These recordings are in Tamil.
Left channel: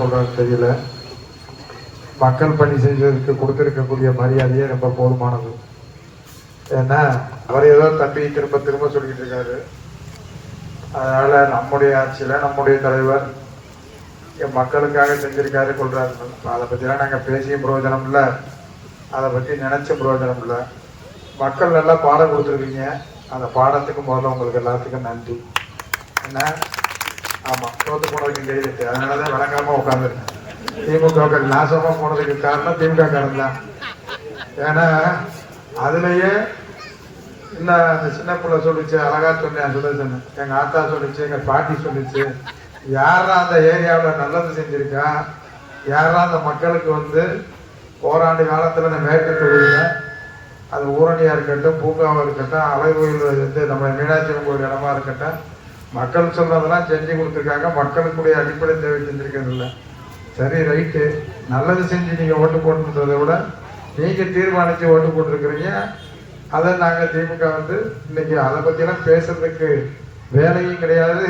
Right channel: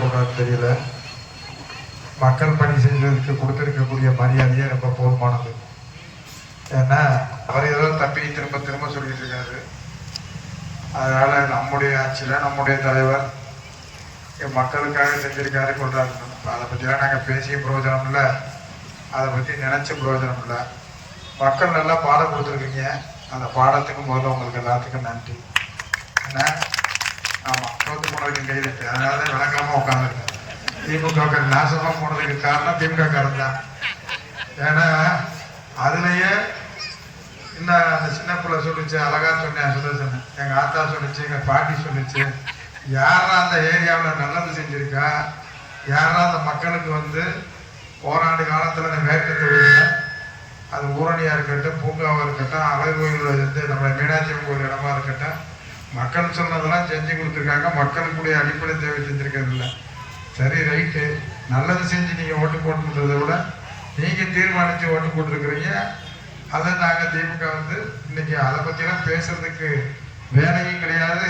சொல்றது தெரியல. மக்கள் பணி செஞ்சதுக்கு கொடுத்திருக்கக்கூடிய மரியாதையே ரொம்ப போதுமானது. ஏன்னா அவர் ஏதோ தப்பி திரும்ப திரும்ப சொல்லிட்டு இருக்காரு. அதனால நம்முடைய ஆட்சியில நம்முடைய தலைவர் மக்களுக்காக செஞ்சிருக்காரு சொல்றாரு. அதை பற்றிலாம் நாங்கள் பேசியும் பிரயோஜனம் இல்லை, அதை பற்றி நினைச்சும் பிரயோஜனம் இல்லை. மக்கள் நல்லா பாடம் கொடுத்துருக்கீங்க. அந்த பாடத்துக்கு முதல்ல உங்களுக்கு எல்லாத்துக்கும் நன்றி. என்ன ஆமாம், தோத்து போனதுக்கு கைது. அதனால தான் வழங்காம உட்காந்துருக்கேன். திமுக நாசமாக போனதுக்கு காரணம் திமுக காரன் தான். ஏன்னா அதுலேயே இன்னும் அந்த சின்ன பிள்ளை சொல்லிச்சு, அழகா சொன்னேன் சுதர்சன், எங்கள் ஆத்தா சொல்லிச்சு, எங்கள் பாட்டி சொல்லிச்சு, யாரா அந்த ஏரியாவில் நல்லது செஞ்சுருக்கா, யாரா அந்த மக்களுக்கு வந்து ஓராண்டு காலத்தில் அந்த மேற்கு தொகுதியில் அது ஊரணியாக இருக்கட்டும், பூங்காவாக இருக்கட்டும், அழகு கோயில் வந்து நம்ம மீனாட்சி கோயில் இடமா இருக்கட்டும், மக்கள் சொல்றதெல்லாம் செஞ்சு கொடுத்துருக்காங்க. மக்களுக்குடைய அடிப்படை தேவை செஞ்சுருக்கிறது இல்லை. சரி, ரைட்டு, நல்லது செஞ்சு நீங்கள் ஓட்டு போட்டுன்றதை விட நீங்கள் தீர்மானித்து ஓட்டு போட்டிருக்கிறீங்க. அதை நாங்கள் திமுக வந்து இன்னைக்கு அதை பற்றிலாம் பேசுறதுக்கு வேலையும் கிடையாது,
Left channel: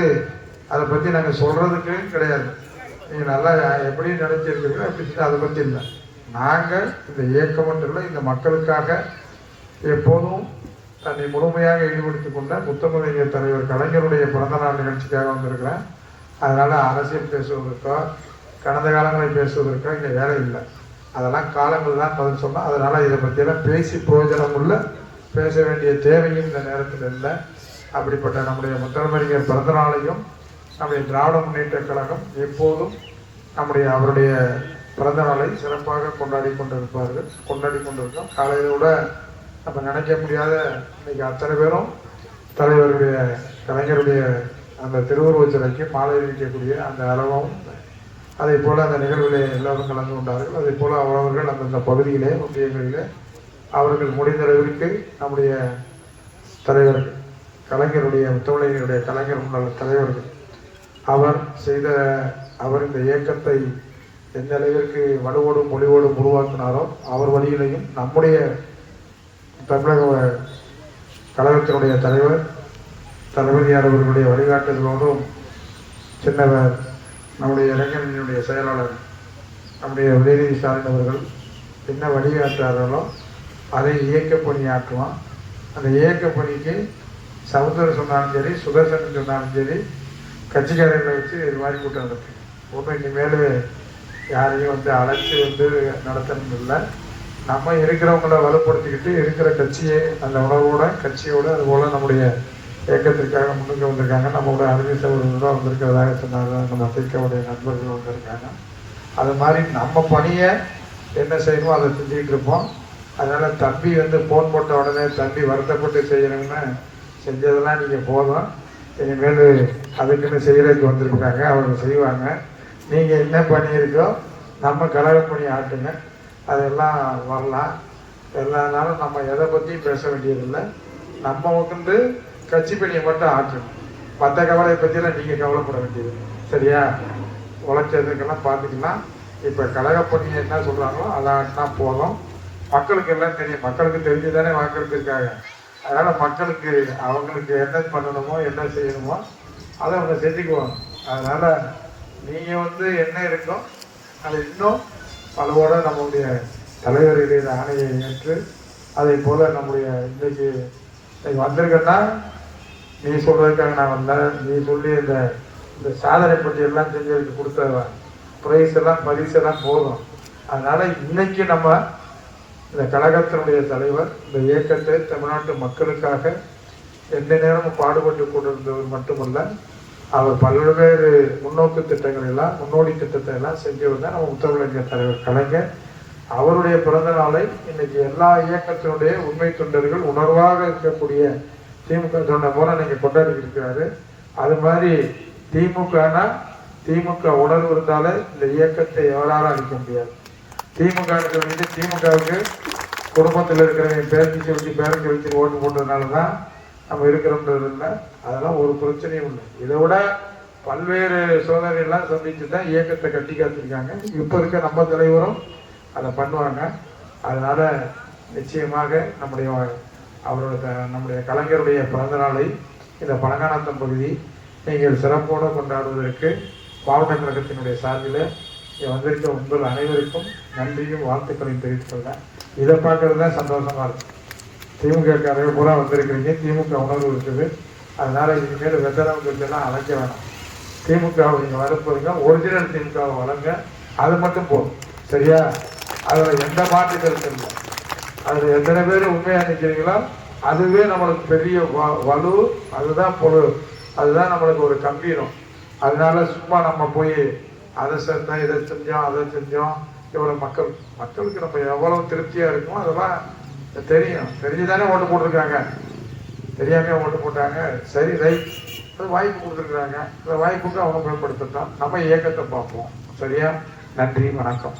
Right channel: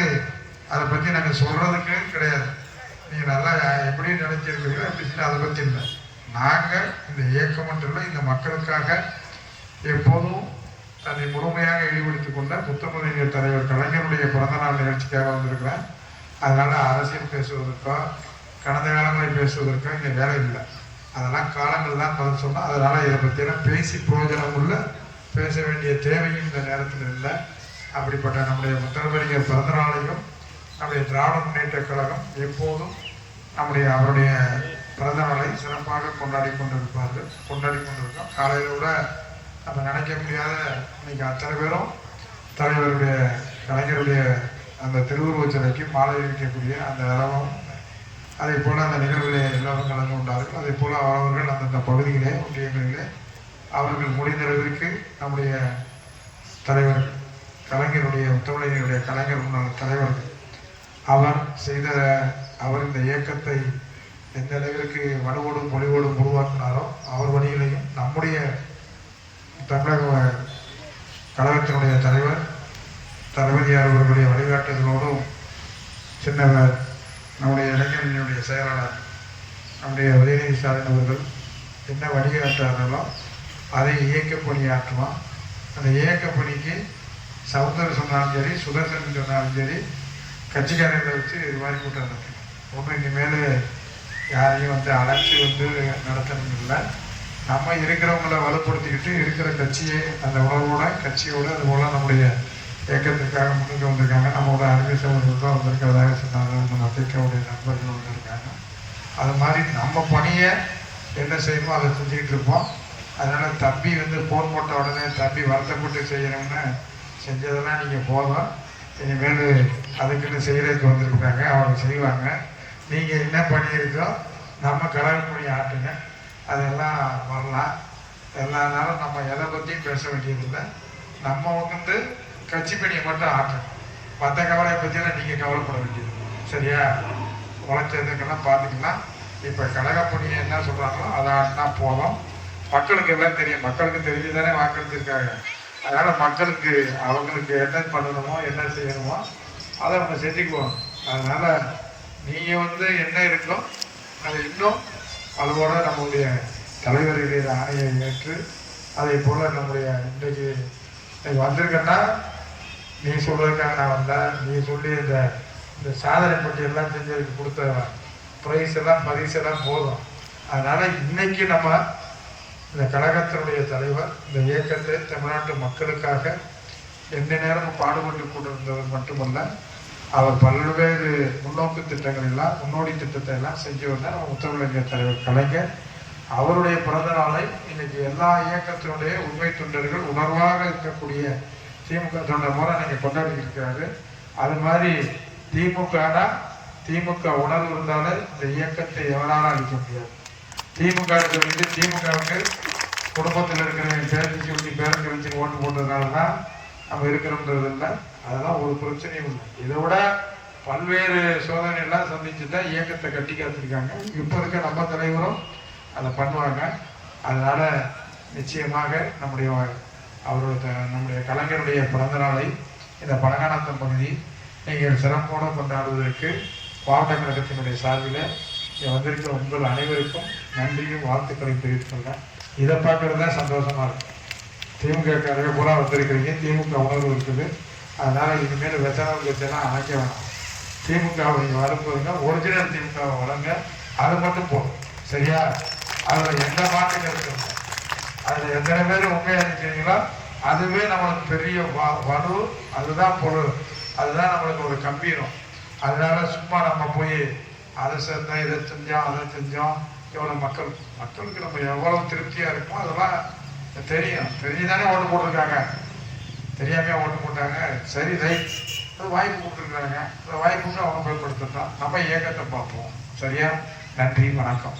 அதை பற்றி நாங்கள் சொல்றதுக்கு கிடையாது. நீங்கள் நல்லா எப்படி நினைச்சிருக்கிறீங்களோ அப்படி அதை பற்றி இல்லை. நாங்கள் இந்த இயக்கம் ஒன்றில் இந்த மக்களுக்காக எப்போதும் தன்னை முழுமையாக ஈடுபடுத்திக் கொண்ட முத்தமிழ் தலைவர் கலைஞருடைய பிறந்தநாள் நிகழ்ச்சிக்காக வந்திருக்கிறேன். அதனால் அரசியல் பேசுவதற்கோ கடந்த காலங்களை பேசுவதற்கோ இங்கே வேலை இல்லை. அதெல்லாம் காலங்கள் தான் பதில் சொன்னோம். அதனால் இதை பற்றியெல்லாம் பேசி பிரயோஜனம் உள்ள பேச வேண்டிய தேவையும் இந்த நேரத்தில் இல்லை. அப்படிப்பட்ட நம்முடைய முத்தமிழறிஞர் பிறந்தநாளையும் நம்முடைய திராவிட முன்னேற்ற கழகம் எப்போதும் அவருடைய பிறந்த நாளை சிறப்பாக கொண்டாடி கொண்டிருக்கோம். காலையில் கூட நம்ம நினைக்க முடியாத இன்னைக்கு அத்தனை பேரும் தலைவருடைய கலைஞருடைய அந்த திருவுருவச் சிலைக்கு மாலை வைக்கக்கூடிய அந்த அளவும், அதே போல் அந்த நிகழ்வுகளை எல்லோரும் கலந்து கொண்டார்கள். அதே போல் அவரவர்கள் அந்தந்த பகுதியிலே ஒன்றியங்களிலே அவர்கள் முடிந்தளவிற்கு நம்முடைய தலைவர் கலைஞருடைய முத்தமிழறிஞருடைய கலைஞர் முன்னாள் தலைவர்கள் அவர் இந்த இயக்கத்தை எந்த அளவிற்கு வலுவோடும் மொழிவோடும் உருவாக்கினாரோ அவர் வழியிலையும் நம்முடைய தமிழக கழகத்தினுடைய தலைவர் தளபதியார் அவர்களுடைய வழிகாட்டுதலோடும் சின்னவர் நம்முடைய இளைஞர்களுடைய செயலாளர் நம்முடைய உதயநிதி சார்ந்தவர்கள் என்ன வழிகாட்டார்களோ அதை இயக்க பணியாற்றுவான். அந்த இயக்க பணிக்கு சகோதரர் சொன்னாலும் சரி, சுதர்சன் சொன்னாலும் சரி, கட்சிக்காரர்களை வச்சு இது மாதிரி கூட்டம் நடத்தும். ஒன்றும் இனிமேல் யாரையும் வந்து அழைச்சி வந்து நடத்தணும் இல்லை. நம்ம இருக்கிறவங்கள வலுப்படுத்திக்கிட்டு இருக்கிற கட்சியை அந்த உணவோட கட்சியோடு அதுபோல் நம்முடைய இயக்கத்திற்காக முன்னுக்கு வந்திருக்காங்க. நம்மளோட அருமை சகோதரர்கள் தான் வந்திருக்கிறதாக சொன்னாங்க. நம்ம திக்கவுடைய நண்பர்கள் வந்திருக்காங்க. அது மாதிரி நம்ம பணியை என்ன செய்யணுமோ அதை செஞ்சுக்கிட்டு இருப்போம். அதனால் தம்பி வந்து ஃபோன் போட்ட உடனே தம்பி வருத்தப்பட்டு செய்யணும்னு செஞ்சதெல்லாம் நீங்கள் போதும். இனிமேல் அதுக்குன்னு செய்கிறதுக்கு வந்திருக்காங்க, அவங்க செய்வாங்க. நீங்கள் என்ன பண்ணியிருக்கோ நம்ம கலவை பணி ஆட்டுங்க, அதெல்லாம் வரலாம். எல்லா நாளும் நம்ம எதை பற்றியும் பேச வேண்டியதில்லை. நம்ம வந்து கட்சி பணியை மட்டும் ஆட்டணும். மற்ற கவலையை பற்றியெல்லாம் நீங்கள் கவலைப்பட வேண்டியது. சரியா? உழைச்சதுக்கெல்லாம் பார்த்துக்கலாம். இப்போ கழகப்பணியை என்ன சொல்கிறாங்களோ அதை ஆட்டினா போதும். மக்களுக்கு எல்லாம் தெரியும், மக்களுக்கு தெரிஞ்சு தானே வாக்களித்திருக்காங்க. அதனால் மக்களுக்கு அவங்களுக்கு என்ன பண்ணணுமோ என்ன செய்யணுமோ அதை அவங்க செஞ்சுக்குவாங்க. அதனால் நீங்கள் வந்து என்ன இருக்கோ அதை இன்னும் அதோட நம்முடைய தலைவருடைய ஆணையை ஏற்று அதே போல் நம்முடைய இன்னைக்கு வந்திருக்கேன்னா நீ சொல்கிறதுக்காக நான் வந்தேன். நீ சொல்லி இந்த சாதனை பற்றியெல்லாம் செஞ்சதுக்கு கொடுத்த ப்ரைஸ் எல்லாம் பரிசெல்லாம் போதும். அதனால் இன்னைக்கு நம்ம இந்த கழகத்தினுடைய தலைவர் இந்த இயக்கத்தை தமிழ்நாட்டு மக்களுக்காக எந்த நேரமும் பாடுபட்டு கொண்டிருந்தவர் மட்டுமல்ல, அவர் பல்வேறு முன்னோக்கு திட்டங்கள் எல்லாம் முன்னோடி திட்டத்தை எல்லாம் செஞ்சவர் தான் அவர் முத்தமிழறிஞர் தலைவர் கலைஞர். அவருடைய பிறந்த நாளை இன்னைக்கு எல்லா இயக்கத்தினுடைய உண்மை தொண்டர்கள் உணர்வாக இருக்கக்கூடிய திமுக தொண்டர் போல இன்னைக்கு கொண்டாடி இருக்கிறாரு. அது மாதிரி திமுக உணர்வு இருந்தாலே இந்த இயக்கத்தை எவராலும் அளிக்க முடியாது. திமுகவுக்கு குடும்பத்தில் இருக்கிற பேரண்ட்ஸ் வச்சு ஓட்டு போட்டதுனால தான் நம்ம இருக்கிறோம்ன்றது இல்லை. அதெல்லாம் ஒரு பிரச்சனையும் இல்லை. இதை விட பல்வேறு சோதனைகள்லாம் சந்திச்சு தான் இயக்கத்தை கட்டி காத்திருக்காங்க. இப்போ இருக்க நம்ம தலைவரும் அதை பண்ணுவாங்க. அதனால் நிச்சயமாக நம்முடைய கலைஞருடைய பிறந்த நாளை இந்த பழங்கானத்தம் பகுதி நீங்கள் சிறப்போடு கொண்டாடுவதற்கு பாவன கழகத்தினுடைய சார்பில் வந்திருக்க உங்கள் அனைவருக்கும் நன்றியும் வாழ்த்துக்களையும் தெரிவித்துக் கொள்கிறேன். இதை பார்க்கறது தான் சந்தோஷமா இருக்கு. திமுக கதவை பூரா வந்திருக்கிறீங்க, திமுக உணர்வு இருக்குது. அதனால இனிமேல் வெத்தனம் பிரச்சனை அழைக்க வேணாம். திமுகவை நீங்கள் வரப்போறீங்க, ஒரிஜினல் திமுகவை வழங்க, அது மட்டும் போதும். சரியா? அதில் எந்த மாற்று கருத்து இல்லை. அதில் எத்தனை பேர் உண்மையாக நிற்கிறீங்களோ அதுவே நம்மளுக்கு பெரிய வலு, அதுதான் பொருள், அதுதான் நம்மளுக்கு ஒரு கம்பீரம். அதனால சும்மா நம்ம போய் அதை செஞ்சோம், இதை செஞ்சோம், அதை செஞ்சோம், எவ்வளோ மக்களுக்கு நம்ம எவ்வளவு திருப்தியா இருக்கும் அதெல்லாம் தெரியும். தெரிஞ்சுதானே ஓட்டு போட்டிருக்காங்க, தெரியாம ஓட்டு போட்டாங்க. சரி, ரைட், அது வாய்ப்பு கொடுத்துருக்காங்க. இந்த வாய்ப்புக்கு அவங்க பயன்படுத்தட்டும். நம்ம இயக்கத்தை பார்ப்போம். சரியா? நன்றி, வணக்கம்.